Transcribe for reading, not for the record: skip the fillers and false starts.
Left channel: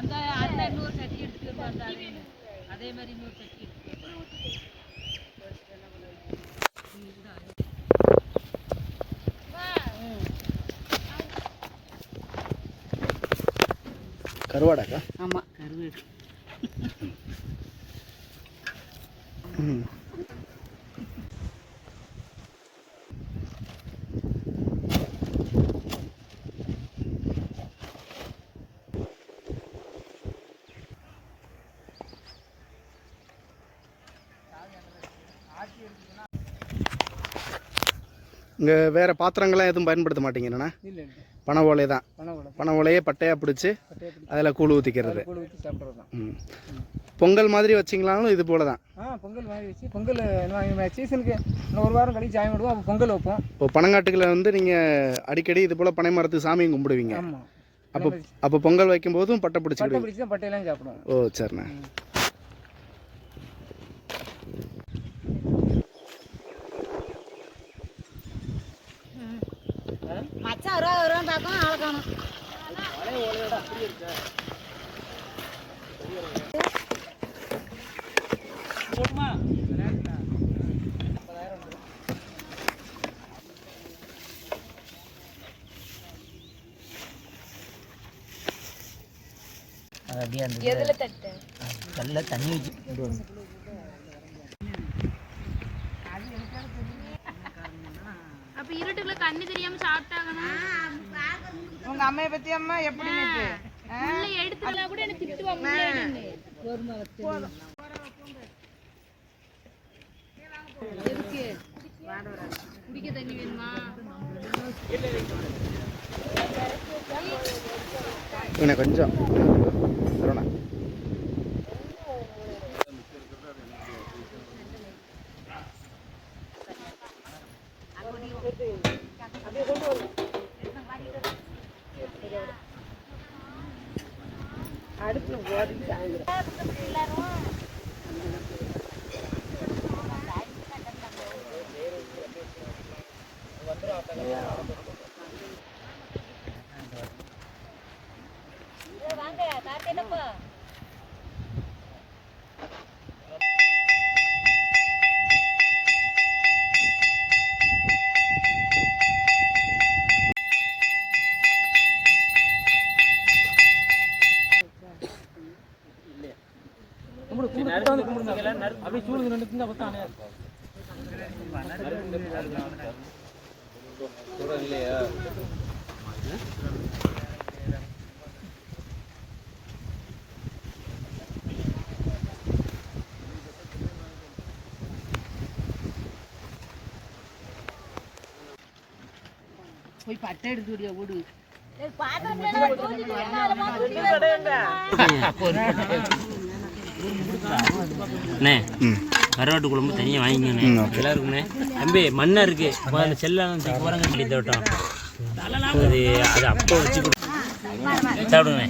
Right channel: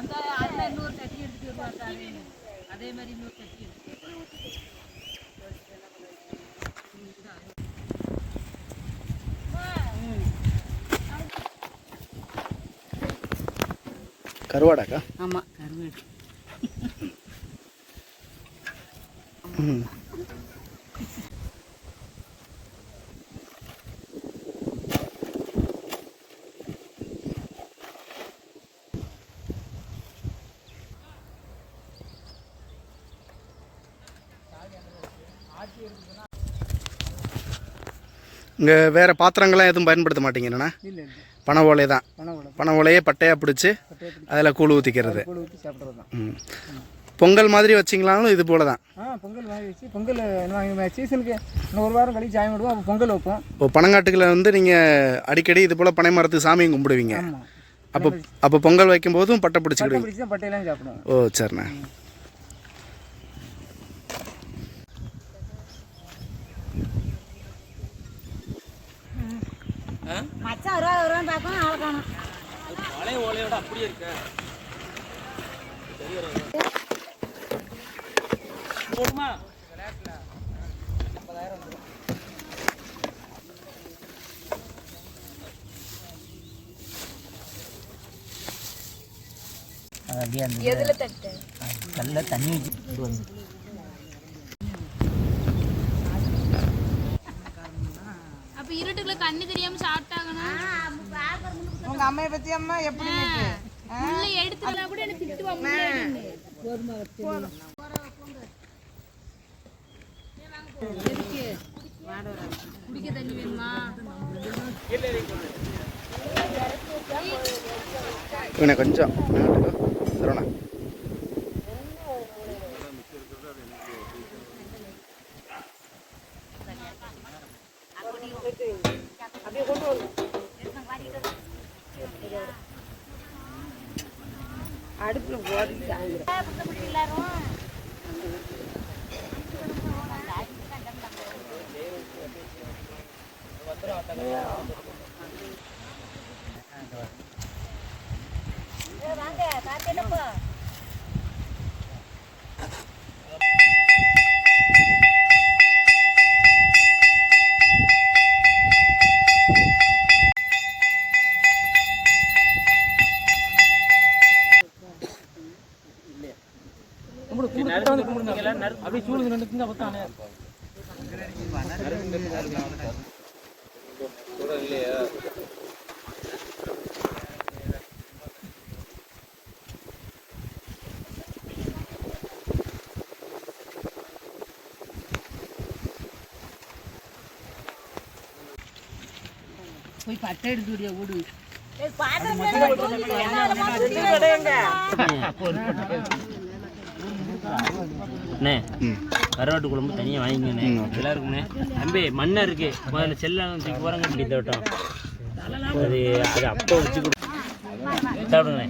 அந்த அதில் இன்னொரு சட்டி எடுத்துட்டு வருவாங்க அதே மாதிரி இன்னொரு சட்டி எடுத்துட்டு கருவாடாக்கா? ஆமாம், கருவாடு. இங்கே வேறு பாத்திரங்கள்லாம் எதுவும் பயன்படுத்த மாட்டீங்கண்ணா? இல்லை, பனை ஓலை தான். பனை ஓலையே பட்டையாக பிடிச்சி அதில் கூழ் ஊற்றிக்கிறது. பொங்கல் மாதிரி வச்சிங்களாலும் இது போல தான். பொங்கல் வாங்கி வச்சு பொங்கல் சீசனுக்கு இன்னும் ஒரு வாரம் கழிச்சு சாமி விடுவோம். அப்போ பொங்கல் வைப்போம். இப்போ பனங்காட்டுகளில் வந்து நீங்கள் அடிக்கடி இது போல் பனை மரத்துக்கு சாமியும் கும்பிடுவீங்க. அப்போ பொங்கல் வைக்கும் போதும் பட்டை பிடிச்சிக்கிடுவீங்க. பட்டையெல்லாம் சாப்பிடுவோம். ஓ சரிண்ணா. மச்சான் வருவான்னு பார்க்கணும், ஆளை காணும். ஓலையோட அப்படியே இருக்கு. எதுல தட்டு நல்ல தண்ணி வச்சு வந்து அப்ப இருட்டுக்குள்ள கண்ணு தெரியாம சாப்பிட்டாங்கன்னா உங்க அம்மைய பத்தி அம்மா எப்படி எடுத்துனா கூட எனக்கு திட்டுவாங்க. குடிக்க தண்ணி வேணுமா? இவனை கொஞ்சம் தருணா. அடுப்புல ஓடிட்டாங்க எல்லாரும். வாங்க தாத்தேனப்பா. அப்படியே சூழ்ந்து நின்றுங்க. பத்தானே போய் பட்டை எடுத்து ஓடு. அண்ணே கருவாட்டு குழம்பு தனியாக வாங்கிங்கண்ணே. எல்லாருக்குண்ணே தம்பி மண்ணா இருக்கு அதில் செல்லாம் தூக்கி போகிறாங்க சொல்லி தோட்டம் அது அது அப்போ வச்சு சாப்பிடுங்க.